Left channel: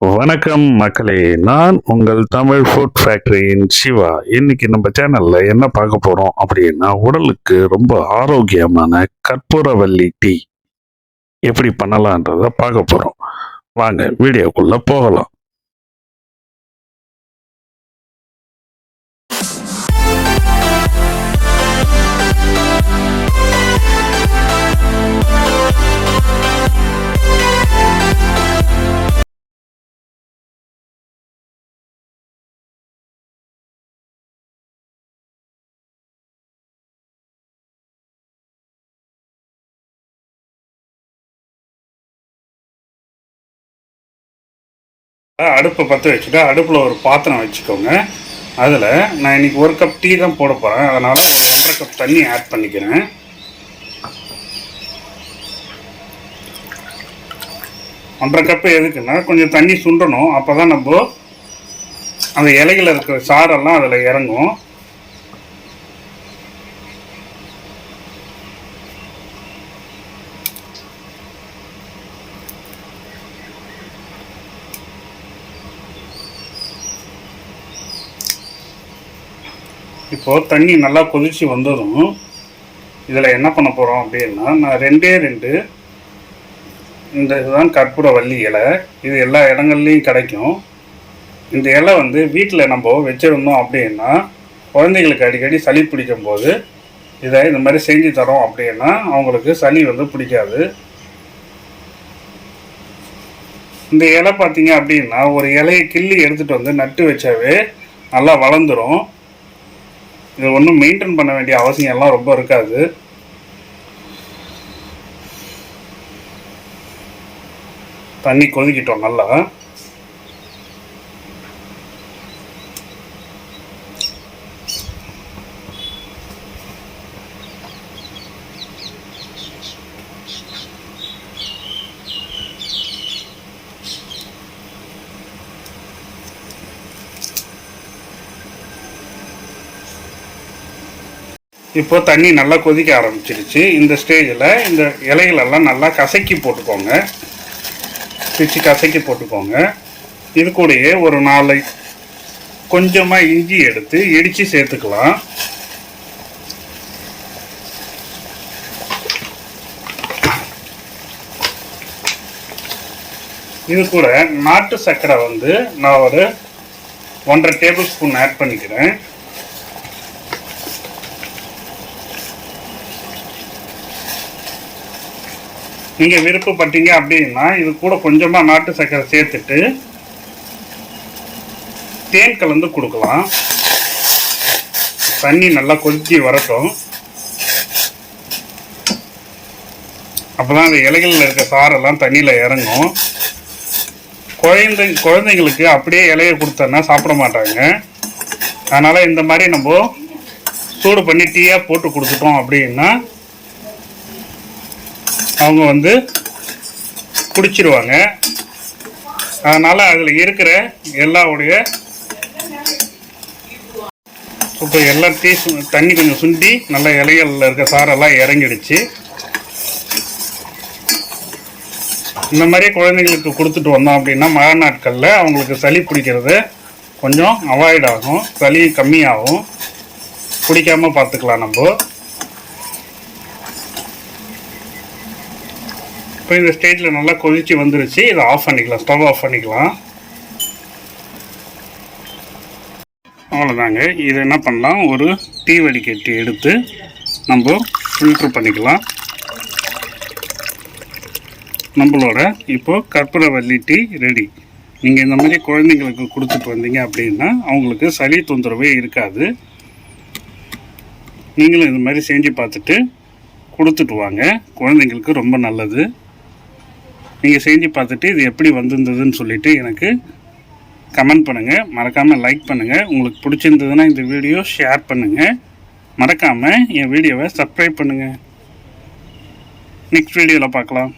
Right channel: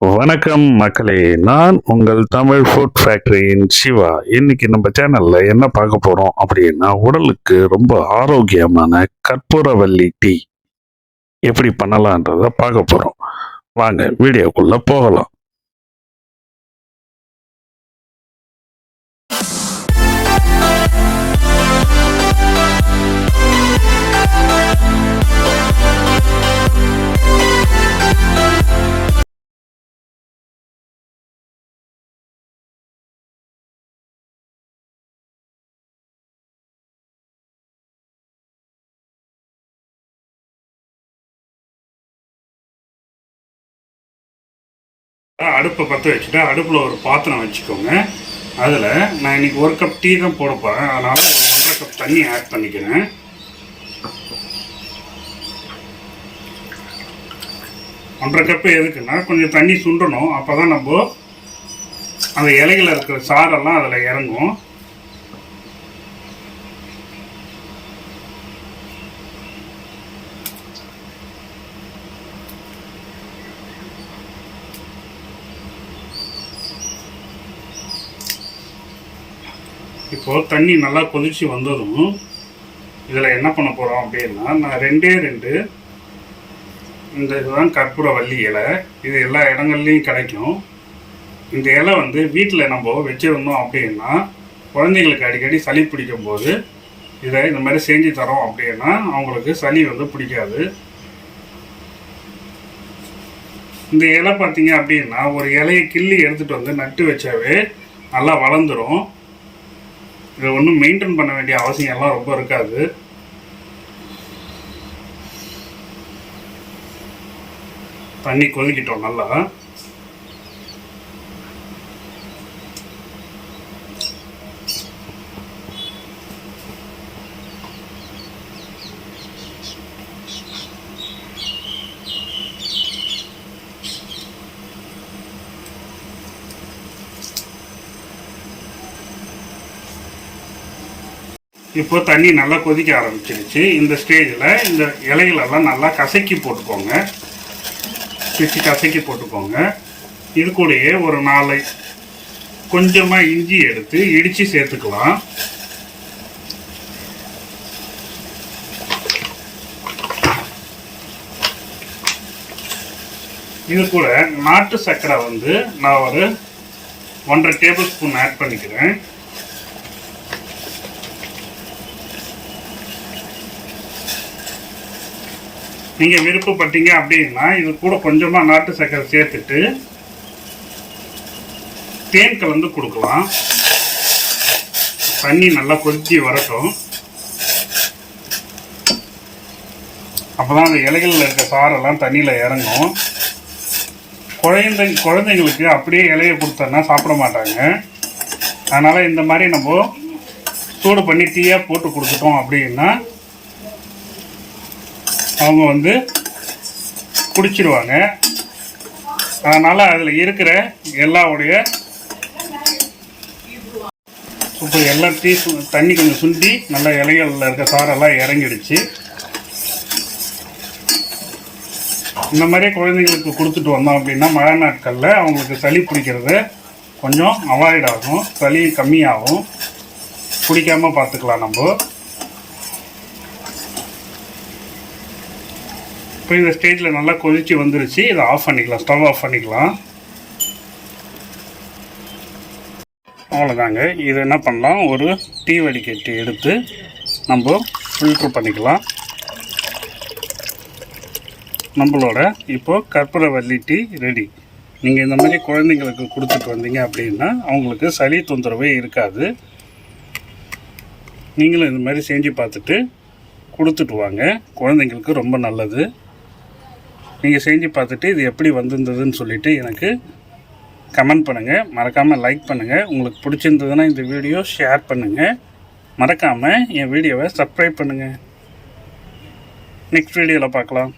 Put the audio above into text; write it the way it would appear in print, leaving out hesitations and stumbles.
வணக்கம் மக்களே, நான் உங்கள் தமிழ் ஃபுட் ஃபேக்டரியின் சிவா. இன்னைக்கு நம்ம சேனல்ல என்ன பார்க்க போறோம் அப்படின்னா, உடலுக்கு ரொம்ப ஆரோக்கியமான கற்பூரவள்ளி டீ எப்படி பண்ணலான்றத பார்க்க போறோம். வாங்க வீடியோக்குள்ள போகலாம். அடுப்பை பற்ற வச்சுட்டு அடுப்பில் ஒரு பாத்திரம் வச்சுக்கோங்க. அதில் நான் இன்றைக்கி 1 கப் டீ தான் போட போகிறேன். அதனால் ஒரு 1.5 கப் தண்ணி ஆட் பண்ணிக்கிறேன். ஒன்றரை கப்பு எதுக்குன்னா, கொஞ்சம் தண்ணி சுண்டணும். அப்போ தான் நம்ம அந்த இலையில் இருக்கிற சாரெல்லாம் அதில் இறங்கும். இப்போது தண்ணி நல்லா கொதிச்சு வந்ததும் இதில் என்ன பண்ண போகிறோம் அப்படின்னா, நான் 2 இந்த இதுதான் கற்பூரவள்ளி இலை. இது எல்லா இடங்கள்லையும் கிடைக்கும். இந்த இலை வீட்டில் நம்ம வச்சுருந்தோம் அப்படின்னா, குழந்தைங்களுக்கு அடிக்கடி சளி பிடிக்கும் போது இதை இந்த மாதிரி செஞ்சு தரோம் அப்படின்னா அவங்களுக்கு சளி பிடிக்காது. இந்த இலை பார்த்தீங்க அப்படின்னா, ஒரு இலையை கிள்ளி எடுத்துகிட்டு நட்டு வச்சாவே நல்லா வளர்ந்துடும். இது ஒன்றும் மெயின்டைன் பண்ண வேண்டிய அவசியம் எல்லாம் ரொம்ப இருக்காது. தண்ணி கொதிக்கிட்டோம் நல்லா. இப்போ தண்ணி நல்லா கொதிக்க ஆரம்பிச்சிருச்சு. இந்த ஸ்டேஜில் இந்த இலைகளெல்லாம் நல்லா கசக்கி போட்டுக்கோங்க. பிச்சு கசக்கி போட்டுக்கோங்க. இது கூடயே ஒரு 4 கொஞ்சமாக இஞ்சி எடுத்து இடித்து சேர்த்துக்கலாம். இது கூட நாட்டு சர்க்கரை நான் ஒரு 1.5 டேபிள் ஸ்பூன் ஆட் பண்ணிக்கிறேன். நீங்கள் விருப்பப்பட்டீங்க அப்படின்னா இது கூட கொஞ்சமாக நாட்டு சர்க்கரை சேர்த்துட்டு தேன் கலந்து கொடுக்கலாம். தண்ணி நல்லா கொதிச்சு வரட்டும். அப்போ தான் அந்த இலைகளில் இருக்க சாரெல்லாம் தண்ணியில் இறங்கும். குழந்தைங்களுக்கு அப்படியே இலையை கொடுத்தோன்னா சாப்பிட மாட்டாங்க. அதனால் இந்த மாதிரி நம்ம சூடு பண்ணி டீயாக போட்டு கொடுத்துட்டோம் அப்படின்னா அவங்க குடிச்சிருவாங்க. அதனால் அதில் இருக்கிற எல்லாவுடைய இப்போ எல்லா தண்ணி கொஞ்சம் சுண்டி நல்லா இலைகளில் இருக்க சாரெல்லாம் இறங்கிடுச்சு. இந்த மாதிரியே குழந்தைங்களுக்கு கொடுத்துட்டு வந்தோம் அப்படின்னா மழை நாட்களில் அவங்களுக்கு சளி பிடிக்கிறது கொஞ்சம் அவாய்ட் ஆகும். சளி கம்மியாகும். பிடிக்காமல் பார்த்துக்கலாம் நம்ம. இப்போ இந்த ஸ்டேஜில் நல்லா கொதிச்சு வந்துருச்சு. இதை ஆஃப் பண்ணிக்கலாம். ஸ்டவ் ஆஃப் பண்ணிக்கலாம். அவ்வளோதாங்க. இதை என்ன பண்ணலாம், ஒரு டீ வடிகட்டி எடுத்து நம்ம ஃபில்ட்ரு பண்ணிக்கலாம். நம்மளோட இப்போது கற்பூரவள்ளி டீ ரெடி. நீங்கள் இந்த மாதிரி குழந்தைங்களுக்கு கொடுத்துட்டு வந்தீங்க அப்படின்னா அவங்களுக்கு சளி தொந்தரவே இருக்காது. நீங்களும் இந்த மாதிரி செஞ்சு பார்த்துட்டு கொடுத்துட்டு வாங்க. குழந்தைங்களுக்கு ரொம்ப நல்லது. நீங்கள் செஞ்சு பார்த்துட்டு இது எப்படி வந்திருந்ததுன்னு சொல்லிவிட்டு எனக்கு கமெண்ட் பண்ணுங்கள். மறக்காமல் லைக் பண்ணுங்கள். உங்களுக்கு பிடிச்சிருந்ததுன்னா இந்த வீடியோ ஷேர் பண்ணுங்கள். மறக்காமல் என் வீடியோவை சப்ஸ்கிரைப் பண்ணுங்கள். நெக்ஸ்ட் வீடியோவில் பார்க்கலாம்.